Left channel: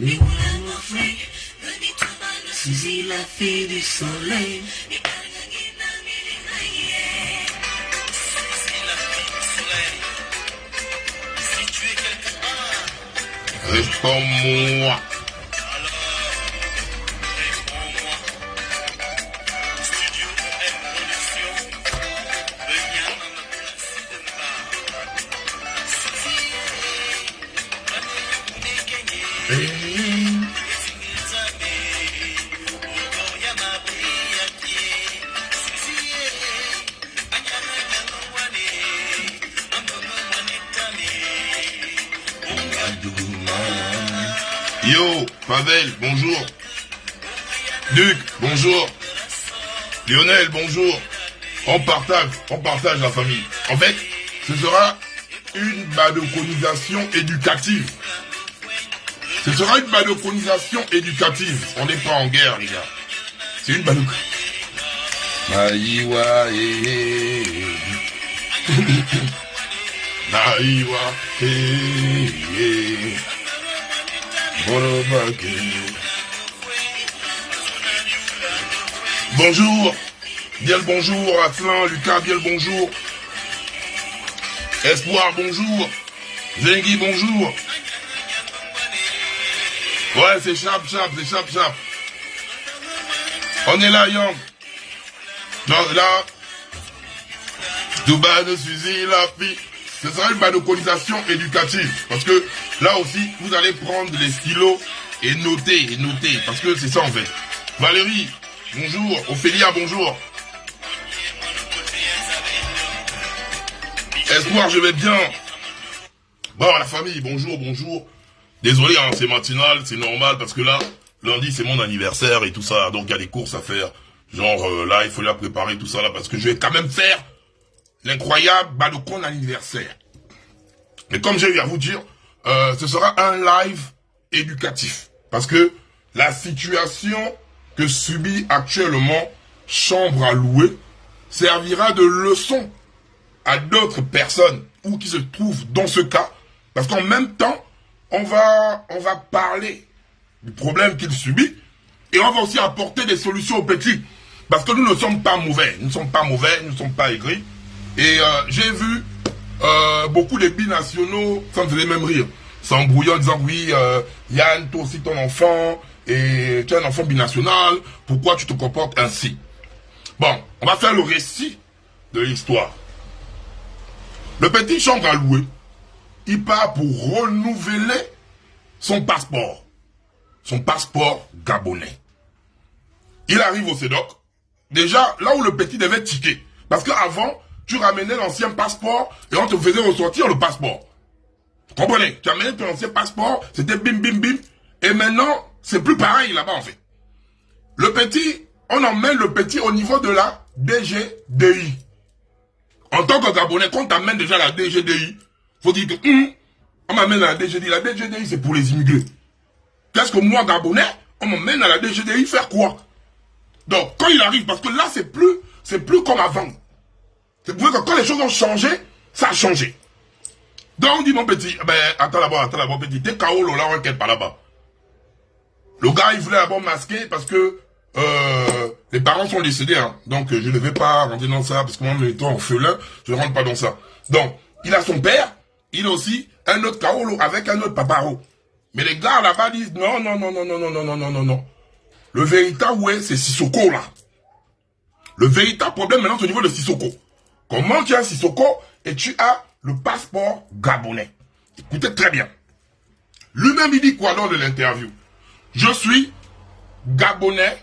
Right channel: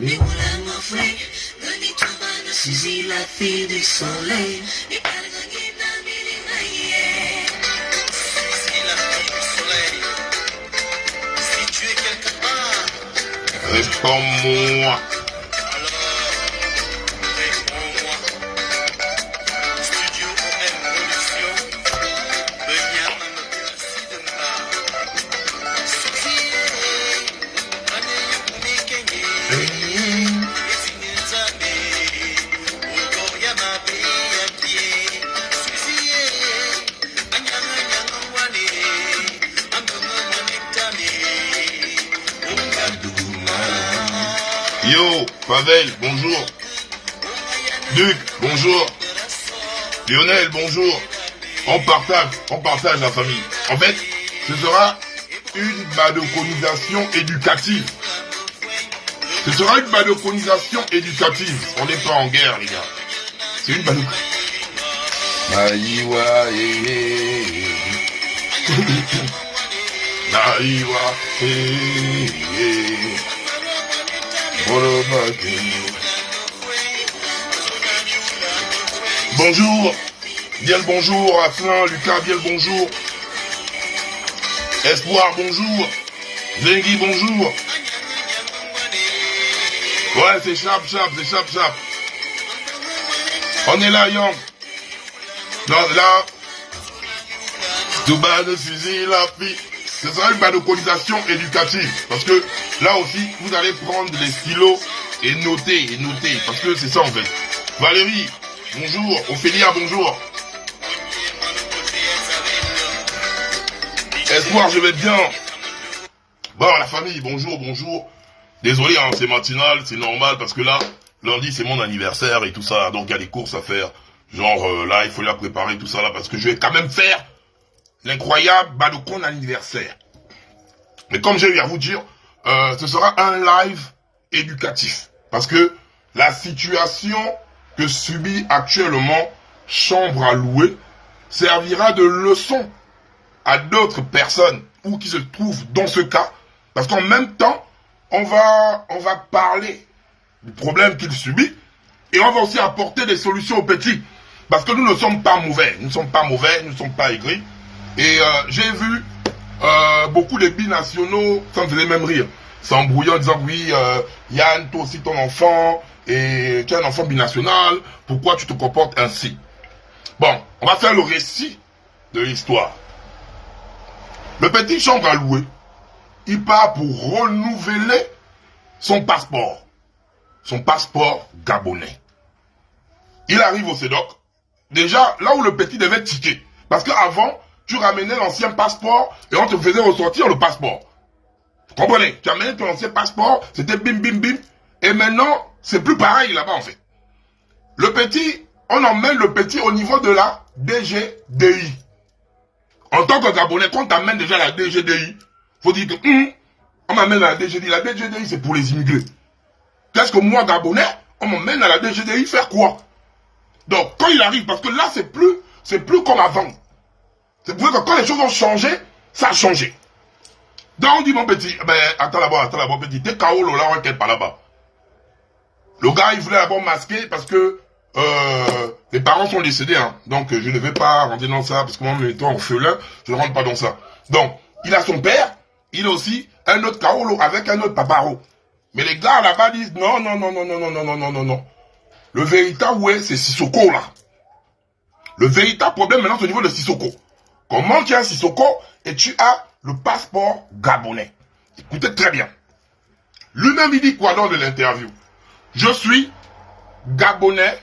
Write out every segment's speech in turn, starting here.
Mais voilà mon frère, venez tout bas, nous saisis la fille du soleil. Réponds-moi. Yo, Pavel, bonjour. Duc, bonjour. Lionel, bonjour. On partage la famille. En fait, ce sera une balconisation éducative. Ce sera une balconisation éducative. On n'est pas en guerre, les gars. C'est une balconisation. Naïwa, Naïwa, bonjour, bien le bonjour, Aslan, Lucas, bien le bonjour. Espoir, bonjour. Zengui, bonjour. Ouais, c'est chap. On est là, Yang. Donc là, Dubaï ne suffit la fille. Ce sera une balconisation éducative. Parce que là aussi, vous allez prendre les stylos et noter. Parce que c'est ça en fait. Valérie, bonjour. Ophélia, bonjour. Espoir, je vais bien. Bon, la famille, bonjour. Désolé, hein, c'est matinal, c'est normal parce que là, lundi, c'est mon anniversaire et tout ça. Donc, il y a des courses à faire. Genre, là, il faut la préparer, tout ça là. Parce que je vais quand même faire l'incroyable balcon anniversaire. Mais comme j'ai eu à vous dire, ce sera un live éducatif. Parce que la situation que subit actuellement Chambre à louer servira de leçon à d'autres personnes ou qui se trouvent dans ce cas. Parce qu'en même temps, on va parler du problème qu'il subit et on va aussi apporter des solutions aux petits. Parce que nous ne sommes pas mauvais, nous ne sommes pas aigris. Et j'ai vu beaucoup de binationaux, ça me faisait même rire, s'embrouillant en disant oui, Yann, toi aussi ton enfant, et tu es un enfant binational, pourquoi tu te comportes ainsi? Bon, on va faire le récit de l'histoire. Le petit Chambre à louer, il part pour renouveler son passeport gabonais. Il arrive au CEDOC, déjà là où le petit devait ticker, parce qu'avant, tu ramenais l'ancien passeport et on te faisait ressortir le passeport. Vous comprenez? Tu amenais ton ancien passeport, c'était bim. Et maintenant, c'est plus pareil là-bas en fait. Le petit, on emmène le petit au niveau de la DGDI. En tant que Gabonais, quand on t'amène déjà à la DGDI, faut dire que on m'amène à la DGDI. La DGDI, c'est pour les immigrés. Qu'est-ce que moi, Gabonais, on m'emmène à la DGDI faire quoi? Donc, quand il arrive, parce que là, c'est plus comme avant. C'est pour que quand les choses ont changé, ça a changé. Donc on dit mon petit, attends là-bas, petit, t'es KO là, on est pas là-bas. Le gars, il voulait d'abord masquer parce que les parents sont décédés, hein. Donc je ne vais pas rentrer dans ça, parce que moi, j'étais orphelin, je ne rentre pas dans ça. Donc, il a son père, il a aussi un autre KO avec un autre paparo. Mais les gars là-bas disent non. Le véritable, ouais, c'est Sissoko là. Le véritable problème maintenant, c'est au niveau de Sissoko. Comment tu as Sissoko et tu as le passeport gabonais? Écoutez très bien. Lui-même, il dit quoi dans de l'interview? Je suis gabonais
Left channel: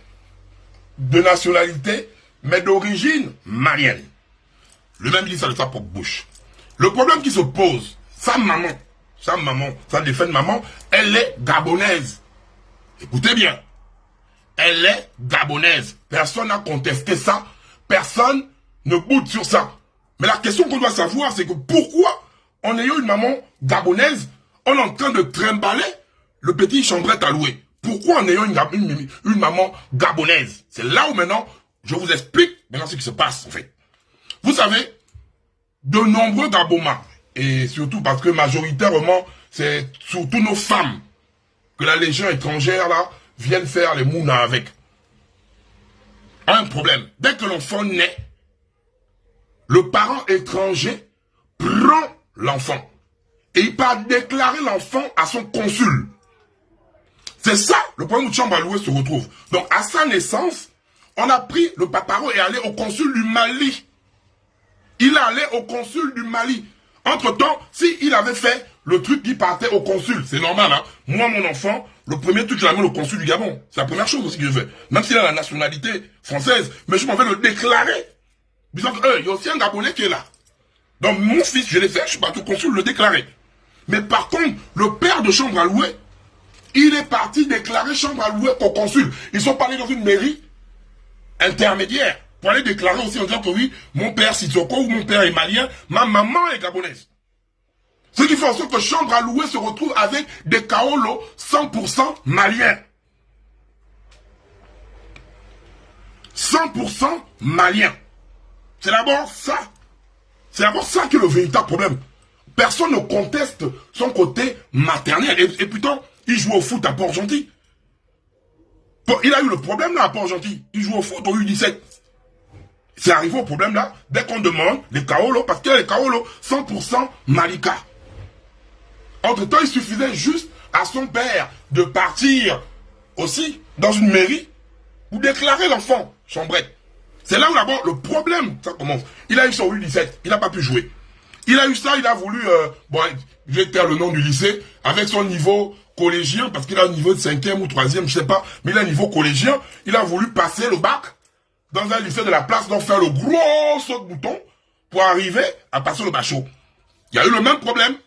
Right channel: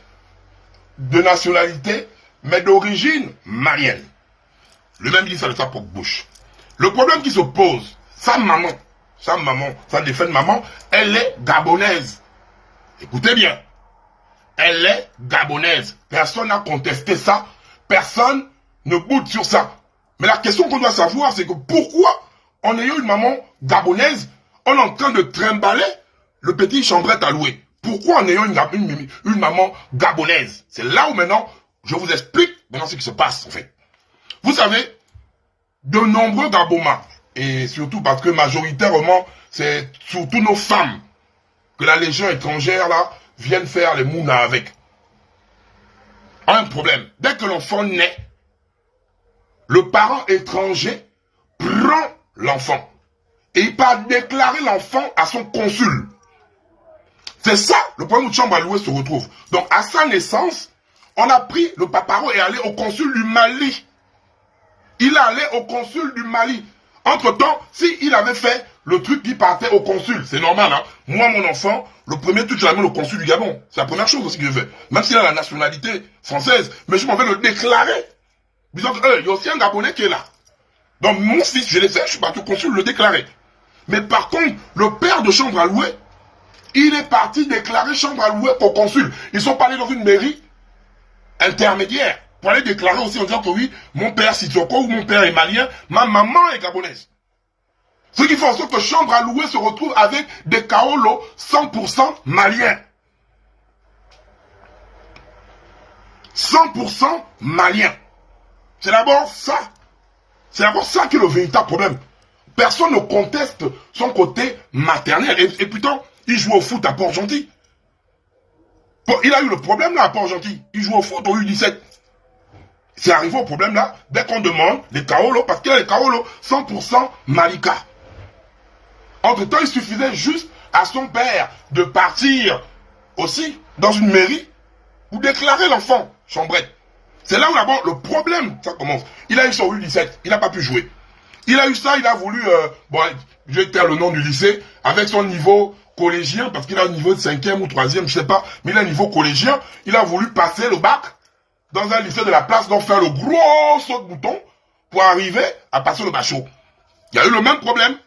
de nationalité, mais d'origine malienne. Lui-même dit ça de sa propre bouche. Le problème qui se pose, sa maman, sa défunte maman, elle est gabonaise. Écoutez bien. Elle est gabonaise. Personne n'a contesté ça. Personne ne boude sur ça. Mais la question qu'on doit savoir, c'est que pourquoi, en ayant une maman gabonaise, on est en train de trimballer le petit Chambrette à louer? Pourquoi en ayant une maman gabonaise? C'est là où maintenant, je vous explique maintenant ce qui se passe en fait. Vous savez, de nombreux Gabonais, et surtout parce que majoritairement, c'est surtout nos femmes que la Légion étrangère, là, vienne faire les mounas avec. Un problème. Dès que l'enfant naît, le parent étranger prend l'enfant. Et il part déclarer l'enfant à son consul. C'est ça le problème où chambre à louer se retrouve. Donc, à sa naissance, on a pris le paparo et allé au consul du Mali. Il est allé au consul du Mali. Entre-temps, s'il avait fait le truc qui partait au consul, c'est normal, hein. Moi, mon enfant, le premier truc que j'ai amené au consul du Gabon, c'est la première chose aussi que je fais. Même s'il a la nationalité française, mais je m'en vais le déclarer. Disant que, il y a aussi un Gabonais qui est là. Donc, mon fils, je l'ai fait, je suis parti au consul le déclarer. Mais par contre, le père de chambre à louer, il est parti déclarer chambre à louer au consul. Ils sont pas allés dans une mairie intermédiaire pour aller déclarer aussi en disant que oui, mon père Sissoko ou mon père est malien, ma maman est gabonaise. Ce qui fait en sorte que chambre à louer se retrouve avec des Kaolo 100% maliens. 100% maliens. C'est d'abord ça. C'est d'abord ça qui est le véritable problème. Personne ne conteste son côté maternel. Et putain, il joue au foot à Port-Gentil. Il a eu le problème là à Port-Gentil. Il joue au foot au U17. C'est arrivé au problème là, dès qu'on demande les Kaolo, parce qu'il y a les Kaolo 100% Malika. Entre-temps, il suffisait juste à son père de partir aussi dans une mairie pour déclarer l'enfant, chambrette. C'est là où d'abord le problème, ça commence. Il a eu son U17, il n'a pas pu jouer. Il a eu ça, il a voulu, bon, je vais taire le nom du lycée, avec son niveau collégien, parce qu'il a un niveau de 5e ou 3e, je sais pas, mais il a un niveau collégien, il a voulu passer le bac dans un lycée de la place, donc faire le gros saut de bouton pour arriver à passer le bachot. Il y a eu le même problème,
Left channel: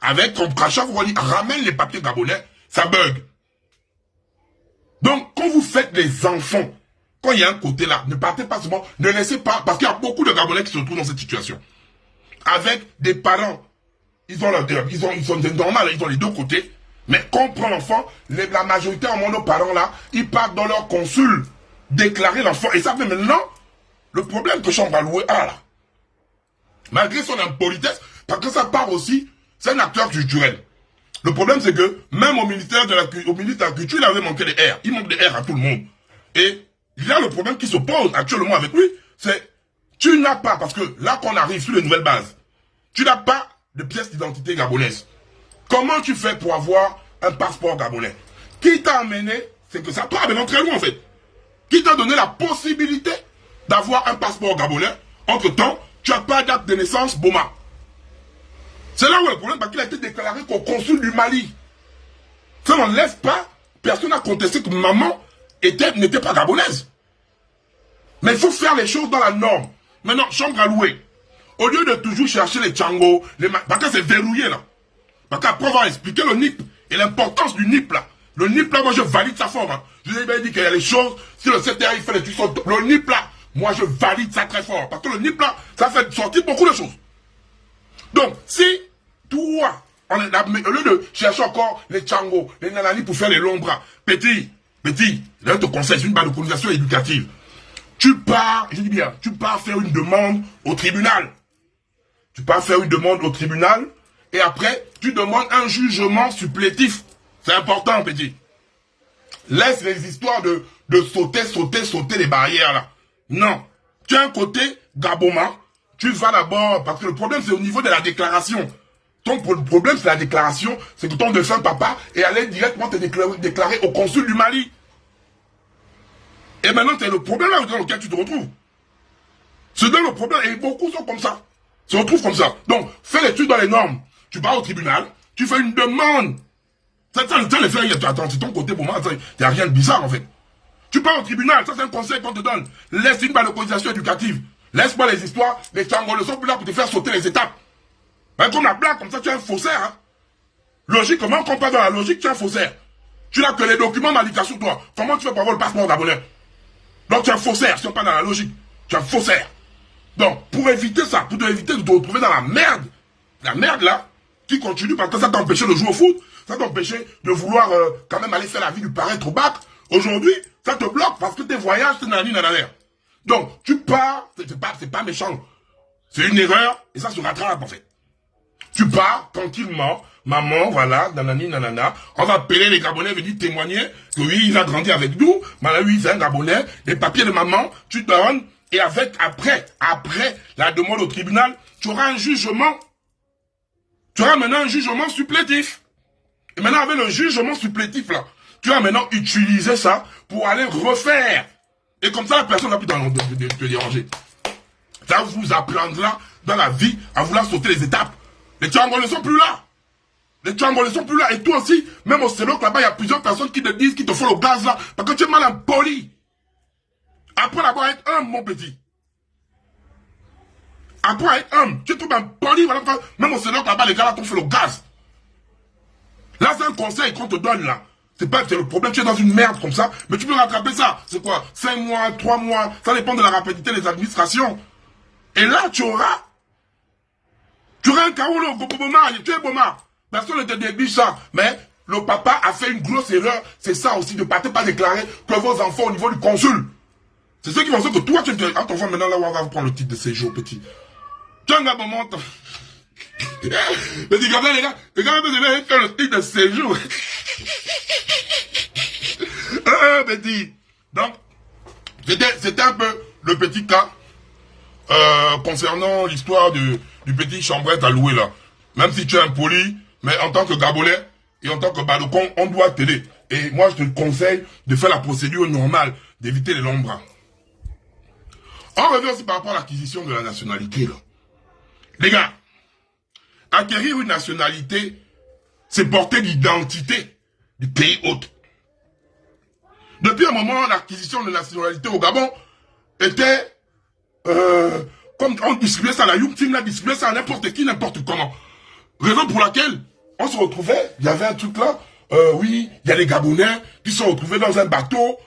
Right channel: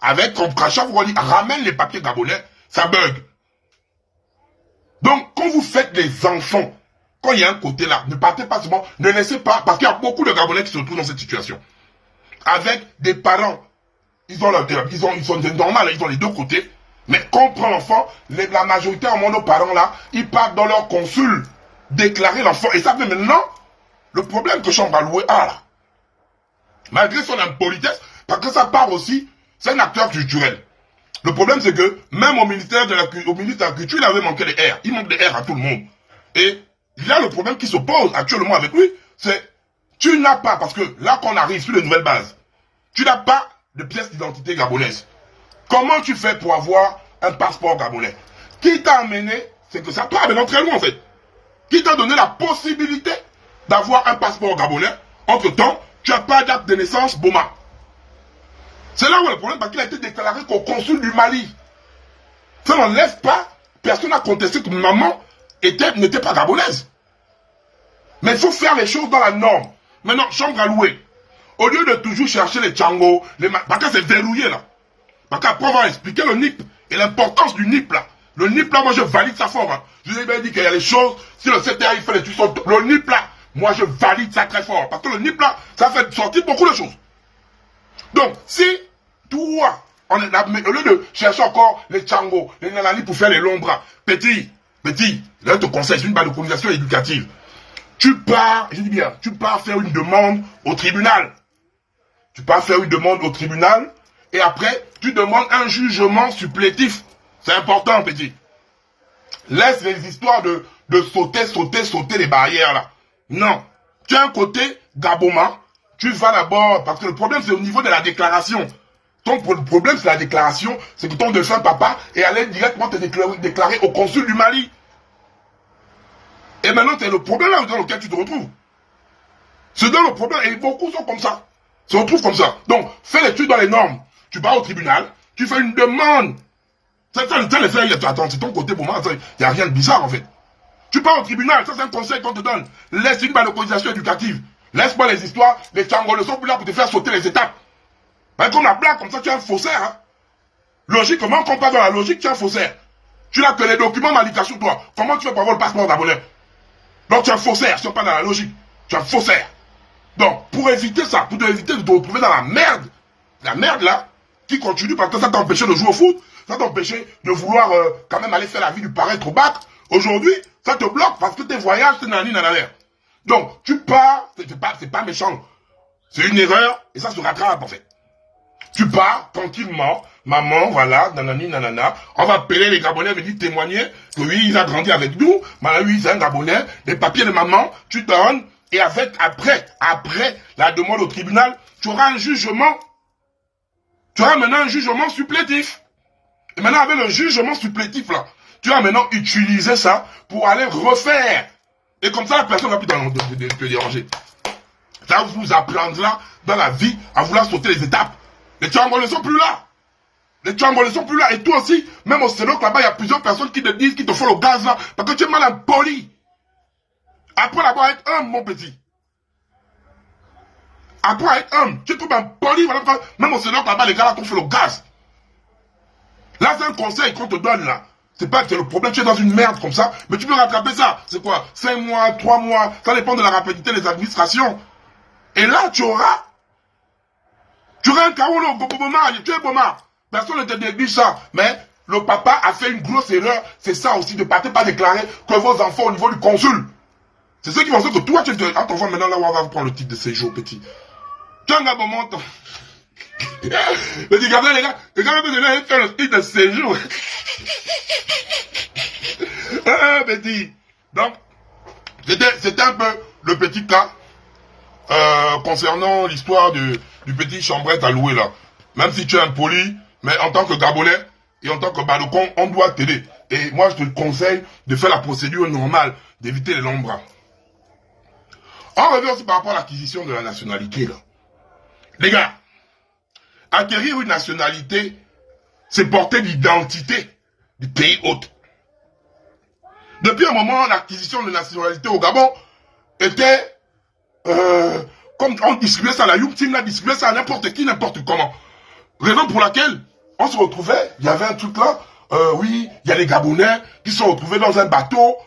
avec comme quand chaque fois ramène les papiers gabonais, ça bug. Donc, quand vous faites les enfants, quand il y a un côté là, ne partez pas souvent, ne laissez pas, parce qu'il y a beaucoup de Gabonais qui se retrouvent dans cette situation. Avec des parents, ils sont normaux, ils ont les deux côtés, mais quand on prend l'enfant, la majorité en nos parents là, ils partent dans leur consul, déclarer l'enfant, et ça fait maintenant, le problème que Chambre à louer a là, malgré son impolitesse, parce que ça part aussi, c'est un acteur culturel. Le problème c'est que, même au ministère de la Culture, il avait manqué des airs, il manque des airs à tout le monde. Et il y a le problème qui se pose actuellement avec lui, c'est tu n'as pas, parce que là qu'on arrive sur les nouvelles bases, tu n'as pas de pièce d'identité gabonaise. Comment tu fais pour avoir un passeport gabonais? Qui t'a amené, c'est que ça part de l'entraînement en fait. Qui t'a donné la possibilité d'avoir un passeport gabonais? Entre-temps, tu n'as pas d'acte de naissance Boma. C'est là où le problème, parce qu'il a été déclaré qu'au consul du Mali. Ça n'enlève pas, personne n'a contesté que maman n'était pas gabonaise. Mais il faut faire les choses dans la norme. Maintenant, chambre à louer. Au lieu de toujours chercher les tchangos, parce que c'est verrouillé là. Parce qu'après avoir expliqué le NIP et l'importance du NIP là. Le NIP là, moi je valide sa forme. Hein. Je lui ai bien dit qu'il y a des choses, si le CTA il fait les trucs, le NIP là, moi je valide ça très fort. Parce que le NIP là, ça fait sortir beaucoup de choses. Donc, si toi, au lieu de chercher encore les tchangos, les nanani pour faire les longs bras, petit, là je te conseille, c'est une balconisation éducative. Tu pars, je dis bien, tu pars faire une demande au tribunal. Tu pars faire une demande au tribunal et après, tu demandes un jugement supplétif. C'est important, petit. Laisse les histoires de sauter les barrières là. Non. Tu as un côté Gaboma. Tu vas d'abord, parce que le problème c'est au niveau de la déclaration. Ton problème c'est la déclaration, c'est que ton défunt papa est allé directement te déclarer au consul du Mali. Et maintenant, c'est le problème là dans lequel tu te retrouves. C'est dans le problème, et beaucoup sont comme ça. Se retrouvent comme ça. Donc, fais l'étude dans les normes. Tu pars au tribunal, tu fais une demande. Ça, attends, c'est ton côté pour moi, il n'y a rien de bizarre en fait. Tu pars au tribunal, ça c'est un conseil qu'on te donne. Laisse une balconisation éducative. Laisse-moi les histoires, les tchangos ne sont plus là pour te faire sauter les étapes. Comme la blague, comme ça tu es un faussaire. Hein. Logiquement, quand on parle dans la logique, tu es un faussaire. Tu n'as que les documents Malika sur toi. Comment tu fais pour avoir le passeport gabonais? Donc tu es un faussaire, si on parle dans la logique. Tu es un faussaire. Donc, pour éviter ça, pour éviter de te retrouver dans la merde là, qui continue parce que ça t'empêchait de jouer au foot, ça t'empêchait de vouloir quand même aller faire la vie du paraître au bac. Aujourd'hui, ça te bloque parce que tes voyages, c'est nanani. Donc, tu pars, c'est pas méchant. C'est une erreur et ça se rattrape en fait. Tu pars tranquillement, maman, voilà, nanani, nanana. On va appeler les Gabonais, venir témoigner que oui, il a grandi avec nous. Maintenant, lui, c'est un Gabonais. Les papiers de maman, tu donnes. Et après la demande au tribunal, tu auras un jugement. Tu auras maintenant un jugement supplétif. Et maintenant, avec le jugement supplétif, là, tu vas maintenant utiliser ça pour aller refaire. Et comme ça, la personne ne va plus te déranger. Ça vous apprendra dans la vie à vouloir sauter les étapes. Les Tchangos ne sont plus là. Les Tchangos ne sont plus là. Et toi aussi, même au Sénat, là-bas, il y a plusieurs personnes qui te disent, qui te font le gaz là, parce que tu es mal impoli. Après l'avoir être homme, mon petit. Après être homme, tu es trop impoli. Voilà, même au Sénat, là-bas, les gars là, t'ont fait le gaz. Là, c'est un conseil qu'on te donne là. C'est pas que c'est le problème, tu es dans une merde comme ça, mais tu peux rattraper ça. C'est quoi? 5 mois, 3 mois, ça dépend de la rapidité des administrations. Et là, tu auras un carreau, tu es Boma. Personne ne te néglige ça. Mais le papa a fait une grosse erreur. C'est ça aussi, de ne pas déclarer que vos enfants au niveau du consul. C'est ce qui va faire que toi, tu es ton enfant maintenant là où on va prendre le titre de séjour, petit. Tu as un moment. Petit Gabriel, les gars, ils faire le titre de séjour. Ah, petit. Donc, c'était un peu le petit cas concernant l'histoire du petit chambrette à louer là. Même si tu es impoli, mais en tant que Gabonais et en tant que Balocon, on doit t'aider. Et moi, je te conseille de faire la procédure normale, d'éviter les longs bras. On revient aussi par rapport à l'acquisition de la nationalité là. Les gars, acquérir une nationalité, c'est porter l'identité du pays hôte. Depuis un moment, l'acquisition de nationalité au Gabon était comme on distribuait ça, la Young Team a distribué ça à n'importe qui, n'importe comment. Raison pour laquelle on se retrouvait, il y avait un truc là, oui, il y a les Gabonais qui se sont retrouvés dans un bateau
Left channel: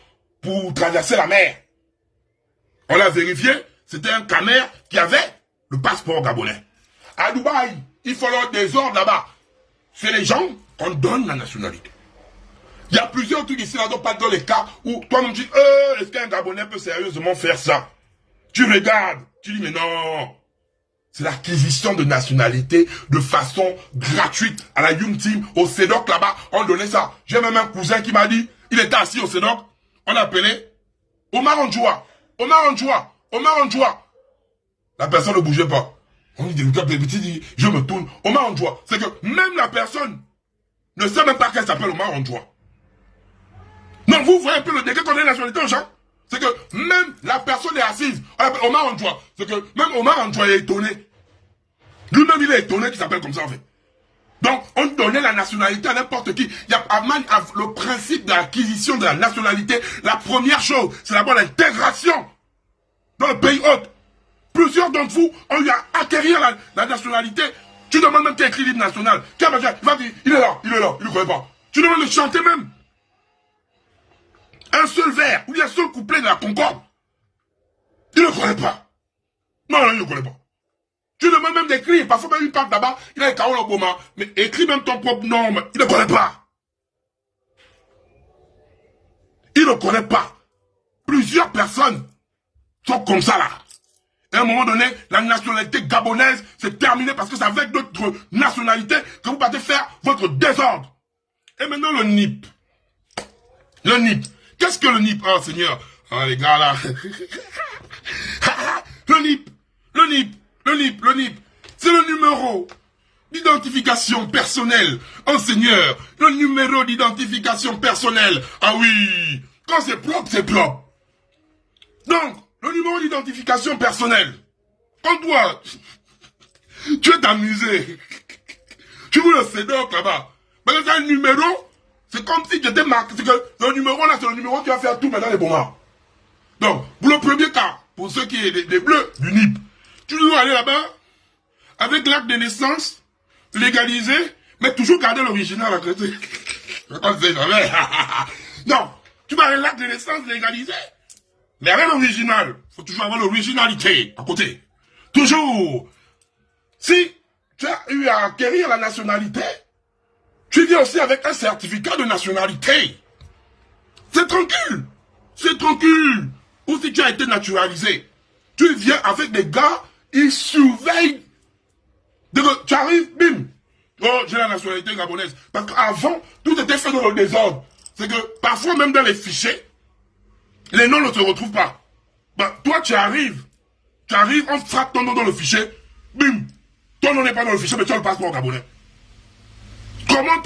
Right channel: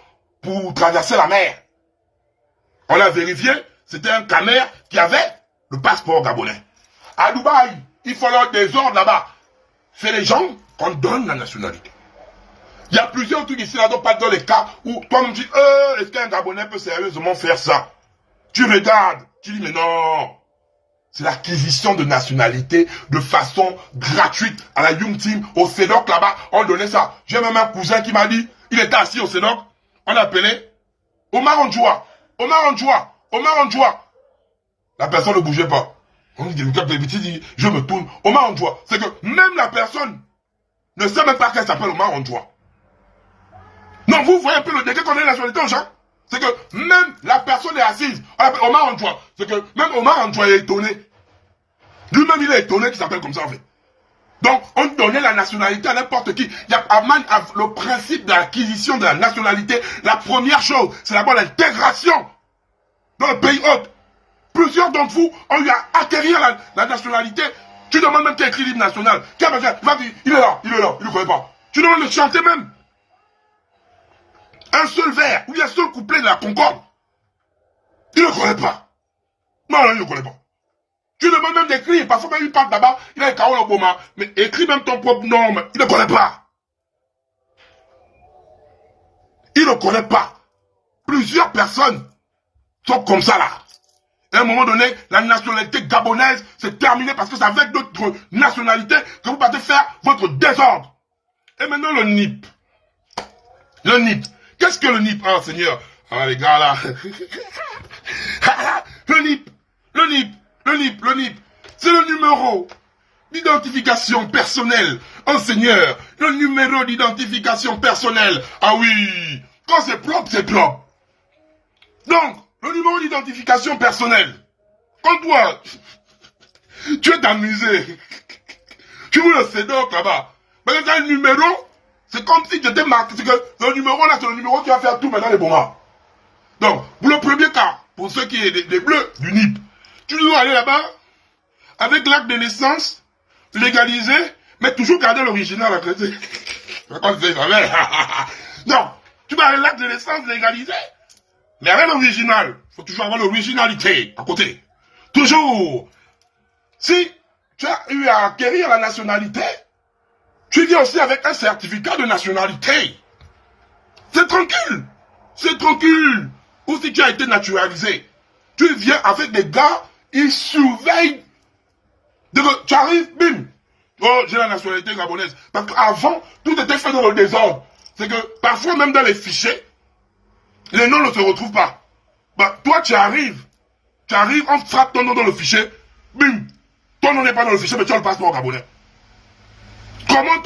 pour traverser la mer. On l'a vérifié, c'était un canard qui avait le passeport gabonais. À Dubaï, il faut leur des ordres là-bas. C'est les gens qu'on donne la nationalité. Il y a plusieurs trucs ici, là, pas dans les cas où toi me dis, est-ce qu'un Gabonais peut sérieusement faire ça? Tu regardes, tu dis, mais non. C'est l'acquisition de nationalité de façon gratuite à la Young Team, au CEDOC là-bas. On donnait ça. J'ai même un cousin qui m'a dit, il était assis au CEDOC, on appelait Omar Ondjoua. Omar Ondjoua. Omar Ondjoua. La personne ne bougeait pas. On dit, je me tourne. Omar Ondjoua. C'est que même la personne ne sait même pas qu'elle s'appelle Omar Ondjoua. Non, vous voyez un peu le degré qu'on a une nationalité aux gens. C'est que même la personne est assise. On appelle Omar Ondjoua. C'est que même Omar Ondjoua est étonné. Lui-même, il est étonné qu'il s'appelle comme ça, en fait. Donc, on donnait la nationalité à n'importe qui. Il y a le principe de l'acquisition de la nationalité. La première chose, c'est d'abord l'intégration dans le pays hôte. Plusieurs d'entre vous ont eu à acquérir la nationalité. Tu demandes même qu'il y a écrit l'hymne national. Quel va dire, il est là, il ne connaît pas. Tu demandes de chanter même. Un seul vers, ou un seul couplet de la Concorde. Il ne connaît pas. Non, il ne connaît pas. Tu demandes même d'écrire, parce que même il parle là-bas, il a les Karol Obama, mais écris même ton propre nom, il ne connaît pas. Il ne connaît pas. Plusieurs personnes sont comme ça là. À un moment donné, la nationalité gabonaise, c'est terminé parce que c'est avec d'autres nationalités que vous partez faire votre désordre. Et maintenant le NIP. Le NIP. Qu'est-ce que le NIP? Oh Seigneur. Ah les gars là. Le NIP. Le NIP. Le NIP. Le NIP. C'est le numéro d'identification personnelle. Oh Seigneur. Le numéro d'identification personnelle. Ah oui. Quand c'est propre, c'est propre. Donc, le numéro d'identification personnelle. Quand toi, tu es t'amuser, tu veux le CEDOC là-bas. Mais quand tu as un numéro, c'est comme si tu étais marqué. C'est que le numéro là, c'est le numéro qui va faire tout maintenant les moments. Donc, pour le premier cas, pour ceux qui sont des bleus du NIP, tu dois aller là-bas avec l'acte de naissance légalisé, mais toujours garder l'original. Non, tu vas avec l'acte de naissance légalisé. Mais avec l'original, il faut toujours avoir l'originalité à côté. Toujours. Si tu as eu à acquérir la nationalité, tu viens aussi avec un certificat de nationalité. C'est tranquille. C'est tranquille. Ou si tu as été naturalisé, tu viens avec des gars, ils surveillent Dès que tu arrives, bim. Oh, j'ai la nationalité gabonaise. Parce qu'avant, tout était fait dans le désordre. C'est que parfois, même dans les fichiers, les noms ne se retrouvent pas. Bah, toi, tu arrives, on frappe ton nom dans le fichier, bim. Ton nom n'est pas dans le fichier, mais tu as le passeport gabonais. Comment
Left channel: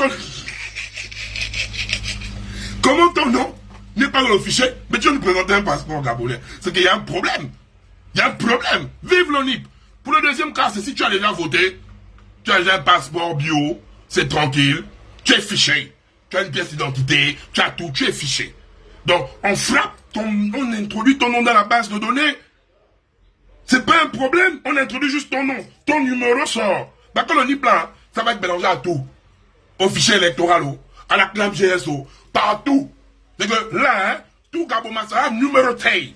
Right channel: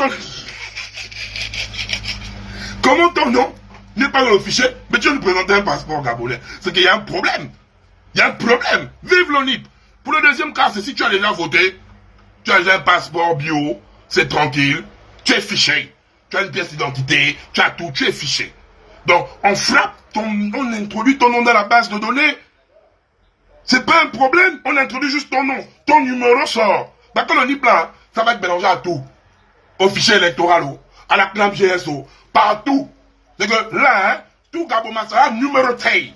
ton nom n'est pas dans le fichier, mais tu nous présentes un passeport gabonais? C'est qu'il y a un problème. Il y a un problème. Vive l'ONIP. Pour le deuxième cas, c'est si tu as déjà voté, tu as déjà un passeport bio, c'est tranquille, tu es fiché. Tu as une pièce d'identité, tu as tout, tu es fiché. Donc, on frappe, on introduit ton nom dans la base de données. C'est pas un problème, on introduit juste ton nom. Ton numéro sort. Bah, quand on dit là, ça va être mélangé à tout. Au fichier électoral, à la CNAM GSO, partout. C'est que là, hein, tout Gabon sera numéroté.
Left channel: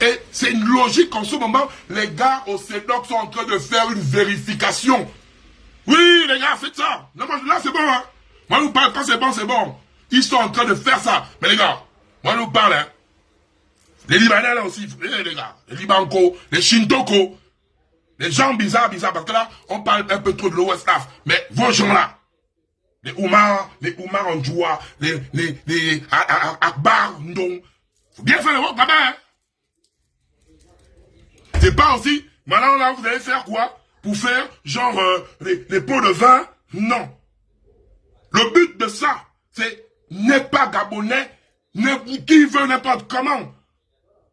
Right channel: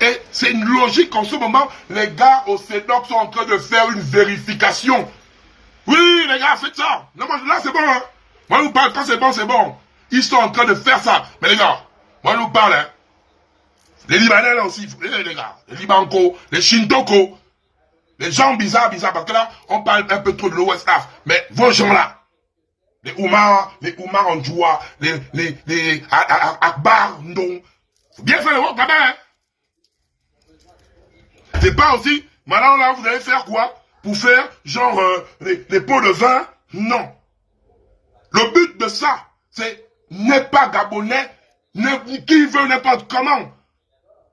Et c'est une logique en ce moment, les gars au CEDOC sont en train de faire une vérification. Oui, les gars, faites ça. Non, moi, là, c'est bon, hein. Moi, je vous parle, quand c'est bon, c'est bon. Ils sont en train de faire ça. Mais les gars, moi, je vous parle, hein. Les Libanais, là aussi, les gars. Les Libanco, les Shintoko. Les gens bizarres, parce que là, on parle un peu trop de l'OSCAF. Mais vos gens-là, les Oumar Andjoua, les Akbar, non. Faut bien faire le vote là-bas, hein. C'est pas aussi, maintenant là, vous allez faire quoi? Pour faire, genre, les pots de vin? Non. Le but de ça, c'est n'est pas gabonais, qui veut n'importe comment.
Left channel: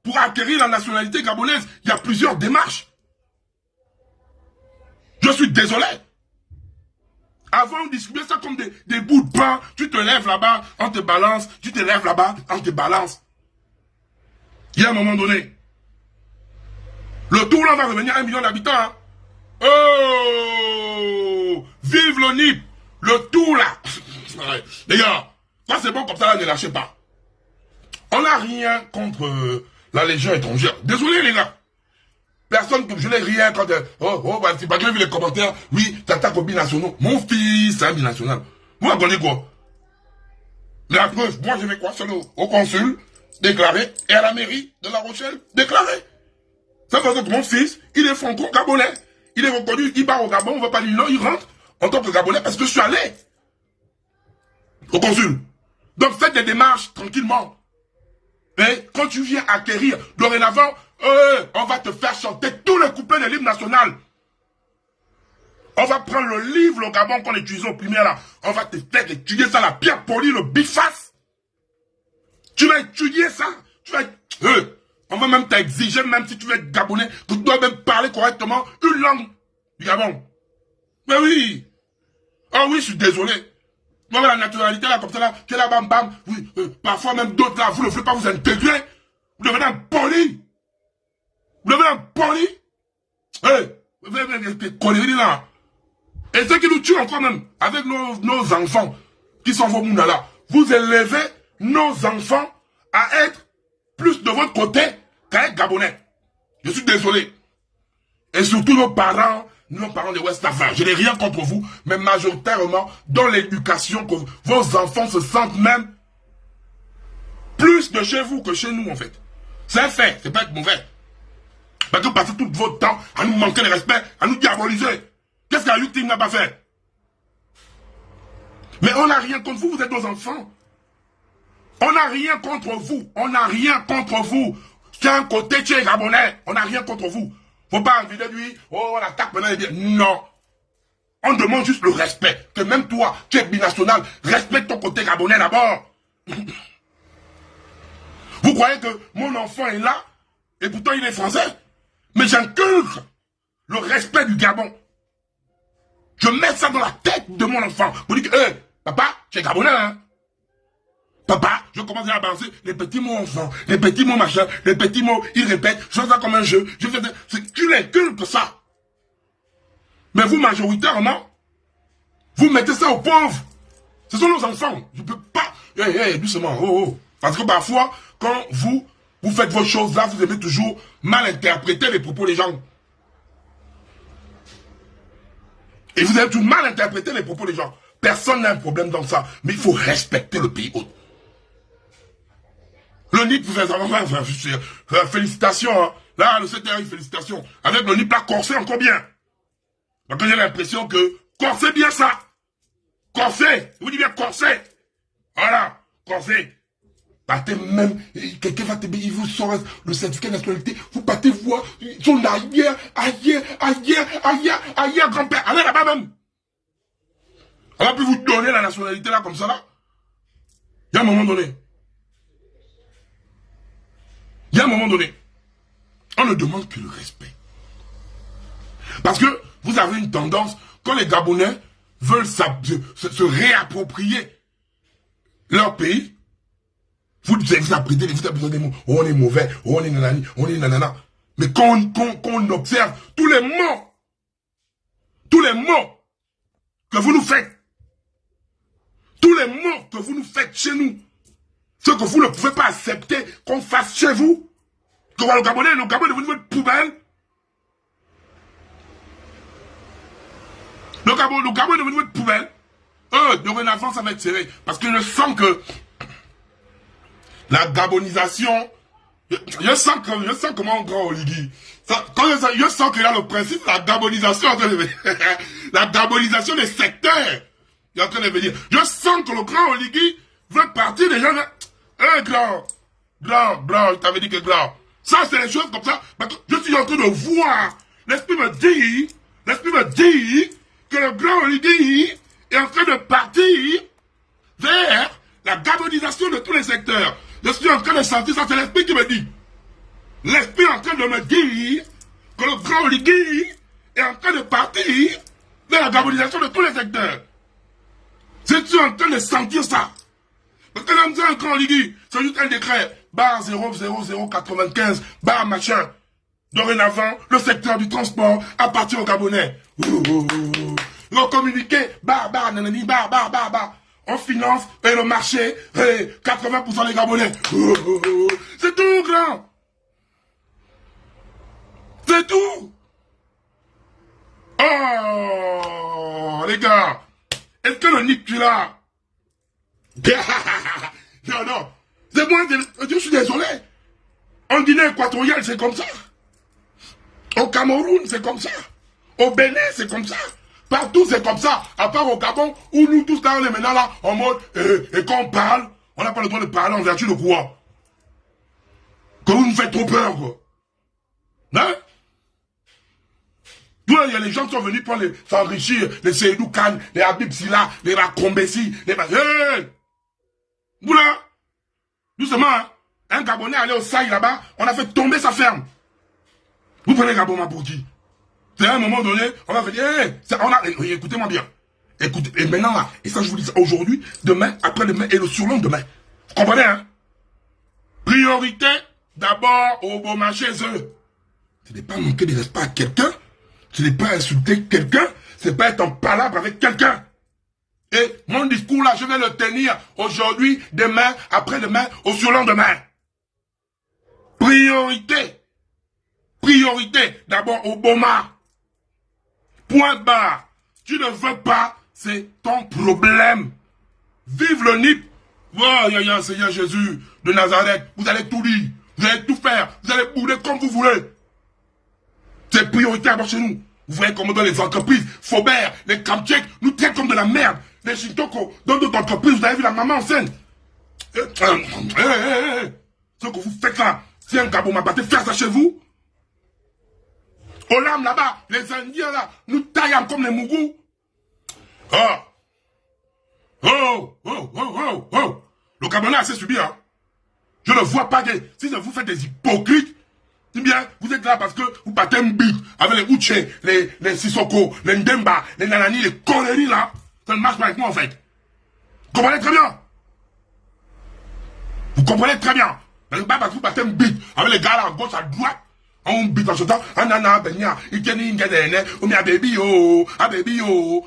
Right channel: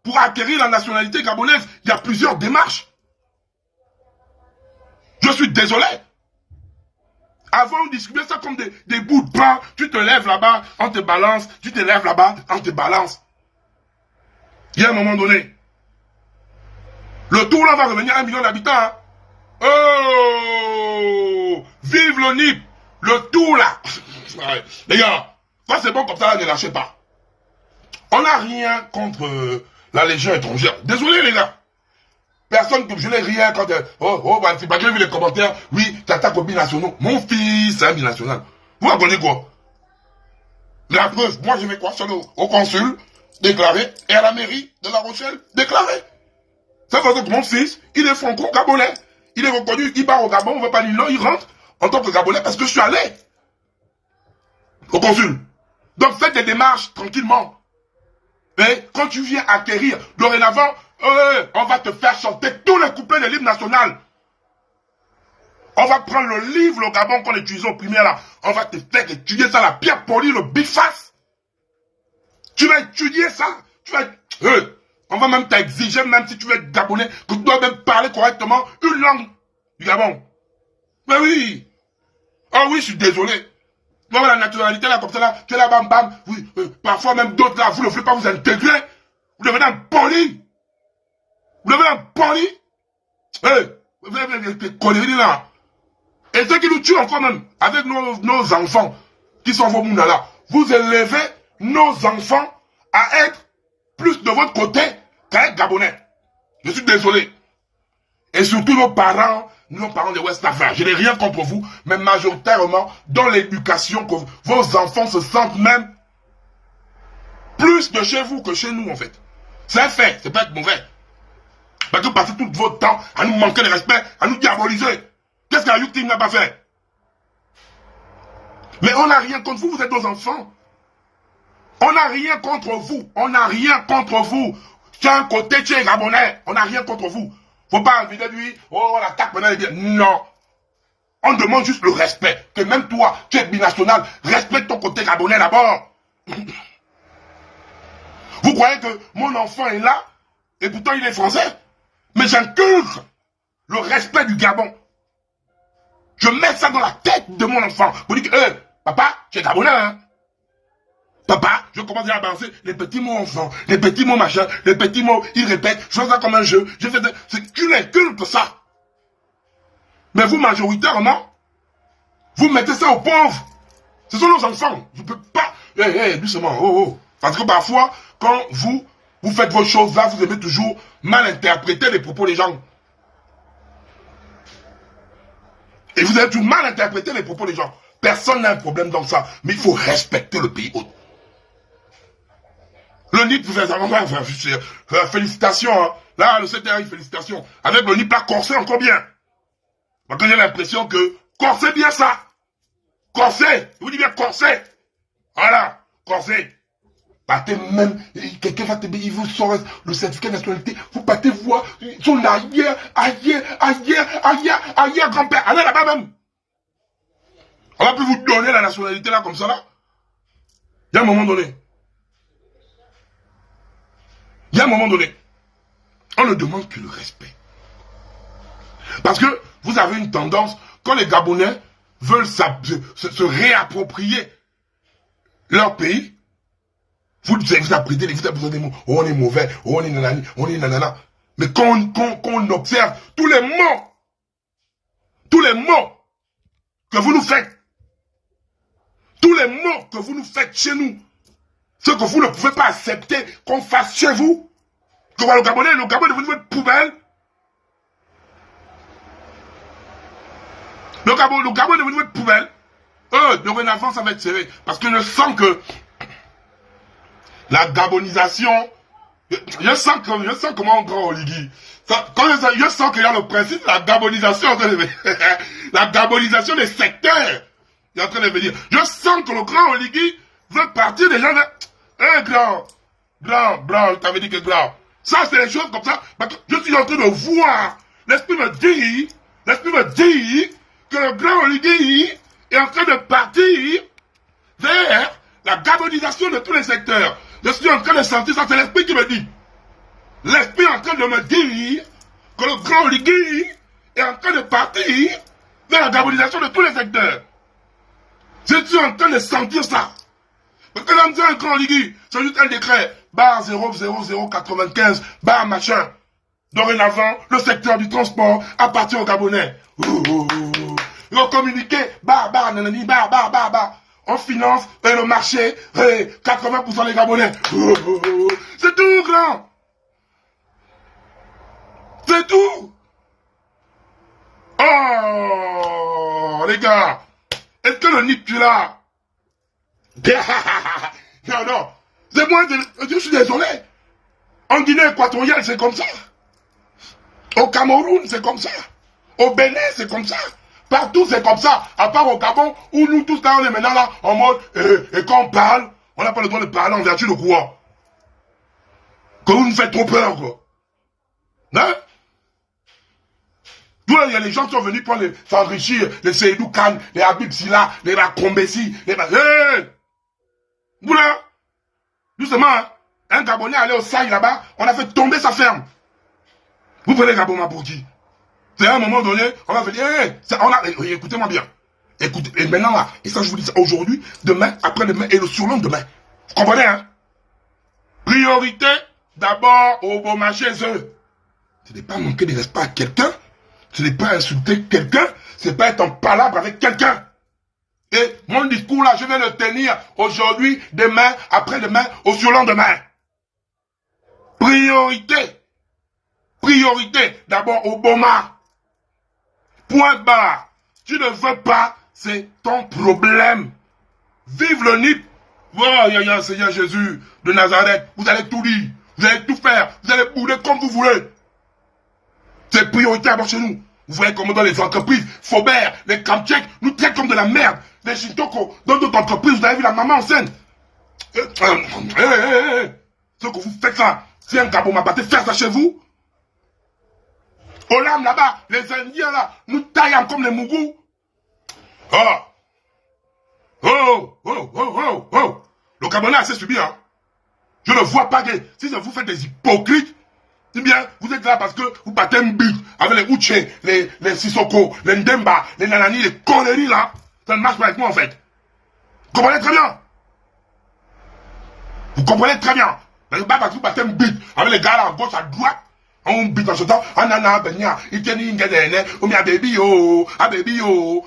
Pour acquérir la nationalité gabonaise, il y a plusieurs démarches. Je suis désolé. Avant, on distribuait ça comme des bouts de pain. Tu te lèves là-bas, on te balance. Tu te lèves là-bas, on te balance. Il y a un moment donné, le tour là va revenir à 1 million d'habitants. Hein. Oh! Vive le NIP! Le tour là! Les gars, quand c'est bon comme ça, ne lâchez pas. On n'a rien contre la Légion étrangère. Désolé les gars. Personne, je n'ai rien quand... bah, c'est pas que j'ai vu les commentaires. Oui, tu attaques aux binationaux. Mon fils, c'est un binational. Vous apprenez quoi? La preuve, moi je vais quoi? Sur au consul, déclaré, et à la mairie de La Rochelle, déclaré. Ça veut dire que mon fils, il est franco-gabonais. Il est reconnu, il part au Gabon, on ne va pas dire non, il rentre en tant que Gabonais parce que je suis allé au consul. Donc faites des démarches tranquillement. Mais quand tu viens acquérir, dorénavant, on va te faire chanter tous les couplets de l'hymne national. On va prendre le livre, le Gabon qu'on utilisait au primaire là. On va te faire étudier ça, la pierre polie, le biface. Tu vas étudier ça. Tu vas... on va même t'exiger, même si tu veux être gabonais, que tu dois même parler correctement une langue du Gabon. Mais oui. Ah oui, je suis désolé. Donc la nationalité là, comme ça là, tu es là, bam bam. Oui, parfois même d'autres là, vous ne faites pas vous intégrer. Vous devenez un poli. Vous devenez un poli. Vous avez des conneries là. Et ce qui nous tue encore même, avec nos enfants, qui sont vos mounas là, vous élevez nos enfants à être plus de votre côté qu'à être gabonais. Je suis désolé. Et surtout nos parents de West Afrique. Je n'ai rien contre vous, mais majoritairement, dans l'éducation, que vos enfants se sentent même plus de chez vous que chez nous, en fait. C'est un fait, c'est pas être mauvais. Parce que vous passez tout votre temps à nous manquer de respect, à nous diaboliser. Qu'est-ce que la victime n'a pas fait? Mais on n'a rien contre vous, vous êtes nos enfants. On n'a rien contre vous. On n'a rien contre vous. Tu as un côté, tu es gabonais. On n'a rien contre vous. Faut pas envier de lui, oh, on attaque maintenant et dire non. On demande juste le respect. Que même toi, tu es binational, respecte ton côté gabonais d'abord. Vous croyez que mon enfant est là, et pourtant il est français? Mais j'inculque le respect du Gabon. Je mets ça dans la tête de mon enfant. Vous dites que, papa, tu es gabonais, hein? Papa, je commence à balancer les petits mots enfants, les petits mots machin, les petits mots, ils répètent, je fais ça comme un jeu, je fais ça, tu n'es que ça. Mais vous, majoritairement, vous mettez ça aux pauvres. Ce sont nos enfants. Je ne peux pas, doucement, Parce que parfois, quand vous faites vos choses là, vous aimez toujours mal interpréter les propos des gens. Et vous avez toujours mal interprété les propos des gens. Personne n'a un problème dans ça. Mais il faut respecter le pays. Le NIP, félicitations. Hein. Là, le CTRI, félicitations. Avec le NIP, là, corsé encore bien. Parce que j'ai l'impression que corset bien ça. Corset. Je vous dis bien corset. Voilà. Corset. Partez même, quelqu'un va te dire, il vous sort le certificat de nationalité, vous partez voir, ils sont là ailleurs, grand-père, allez là-bas même. On va plus vous donner la nationalité là comme ça là. Il y a un moment donné. Il y a un moment donné. On ne demande que le respect. Parce que vous avez une tendance, quand les Gabonais veulent se réapproprier leur pays, vous apprenez des mots. Oh, on est mauvais, oh, on est nanani, on est nanana. Mais quand on observe tous les mots que vous nous faites, tous les mots que vous nous faites chez nous, ce que vous ne pouvez pas accepter qu'on fasse chez vous, que le Gabon est devenu une poubelle. Le Gabon est devenu une poubelle. Le Renaissance va être serré. Parce que je sens que la gabonisation, je sens comment on grand Oligui. Je sens qu'il y a le principe de la gabonisation la gabonisation des secteurs. Il est en train de venir. Je sens que le grand Oligui veut partir des gens grand, t'avais dit que grand. Ça, c'est les choses comme ça. Je suis en train de voir. L'esprit me dit que le grand Oligui est en train de partir vers la gabonisation de tous les secteurs. Je suis en train de sentir ça, c'est l'esprit qui me dit. L'esprit est en train de me dire que le grand Oligui est en train de partir vers la gabonisation de tous les secteurs. Je suis en train de sentir ça. Parce que là, un grand Oligui, c'est juste un décret, barre 00095, barre machin. Dorénavant, le secteur du transport appartient aux Gabonais. Le communiqué, nanani, on finance le marché, 80% des Gabonais. C'est tout, grand. C'est tout. Oh, les gars. Est-ce que le NIP, tu l'as? Non. C'est moi, je suis désolé. En Guinée équatoriale, c'est comme ça. Au Cameroun, c'est comme ça. Au Bénin, c'est comme ça. Partout, c'est comme ça. À part au Gabon, où nous tous, là, on est maintenant là, en mode, et quand on parle, on n'a pas le droit de parler en vertu de quoi? Que vous nous faites trop peur, quoi. Hein? D'où là, il y a les gens qui sont venus pour s'enrichir, les Seydou Khan, les Habib Silla, les Rakombesi, les... Vous là, justement, un Gabonais allait au Saï là-bas, on a fait tomber sa ferme. Vous prenez Gabon pour qui? C'est à un moment donné, on va faire écoutez-moi bien. Écoutez, et maintenant là, et ça je vous dis ça aujourd'hui, demain, après-demain et le surlendemain. Vous comprenez, hein? Priorité, d'abord au bon marché, ce n'est pas manquer de respect à quelqu'un, ce n'est pas insulter quelqu'un, ce n'est pas être en palabre avec quelqu'un. Et mon discours là, je vais le tenir aujourd'hui, demain, après-demain, au surlendemain. Priorité, d'abord au Boma. Point barre. Tu ne veux pas, c'est ton problème. Vive le NIP. Voilà, Seigneur Jésus de Nazareth. Vous allez tout dire. Vous allez tout faire. Vous allez bouder comme vous voulez. C'est priorité d'abord chez nous. Vous voyez comment dans les entreprises, Faubert, les Kamtchèques, nous traitent comme de la merde. Les Shintoko, dans d'autres entreprises, vous avez vu la maman enceinte. Ce que vous faites là, c'est un Gabon m'a battu faire ça chez vous. Au lame là-bas, les Indiens là, nous taillent comme les Mougous. Le Gabonais a assez subi, hein. Je ne vois pas des... Si vous faites des hypocrites, eh bien, vous êtes là parce que vous battez un but avec les Uche, les Sissoko, les Ndemba, les Nanani, les conneries là. Ça ne marche pas avec moi en fait. Vous comprenez très bien. Vous comprenez très bien. Mais pas parce que vous battez un but avec les gars là à gauche, à droite. On bute en ce temps, anana, benya, iteni, ngedene, ou bien baby yo, baby yo.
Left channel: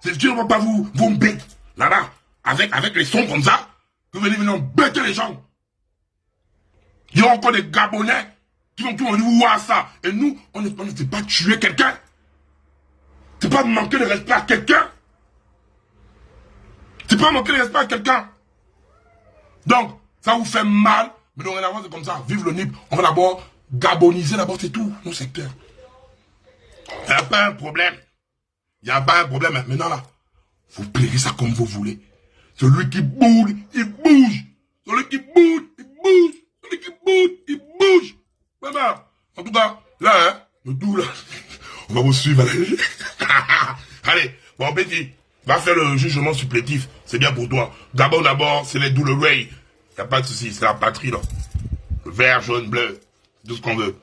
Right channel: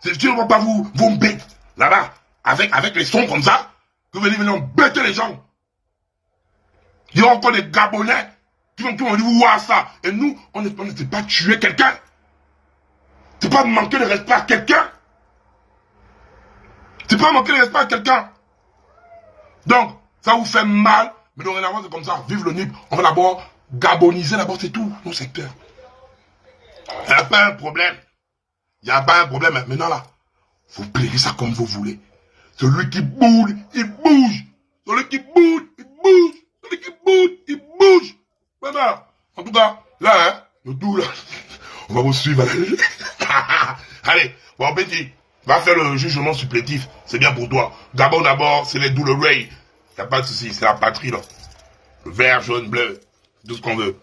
C'est sûr, on ne va pas vous bête là-bas, avec les sons comme ça. Vous venez bêter les gens. Il y a encore des Gabonais qui vont tout dire, ouah ça. Et nous, on ne sait pas tuer quelqu'un. C'est pas manquer de respect à quelqu'un. C'est pas manquer de respect à quelqu'un. Donc, ça vous fait mal, mais dorénavant c'est comme ça. Vive le NIP, on va d'abord gaboniser d'abord, c'est tout, nos secteurs. Il n'y a pas un problème. Il n'y a pas un problème. Maintenant, là, vous pliez ça comme vous voulez. Celui qui bouge, il bouge. Celui qui bouge, il bouge. Celui qui bouge, il bouge. Voilà. En tout cas, là, hein, le tout, là, on va vous suivre. Allez, bon, petit, va faire le jugement supplétif. C'est bien pour toi. D'abord, c'est les double ray. Y a pas de souci, c'est la patrie, là. Vert, jaune, bleu. Tout ce qu'on veut.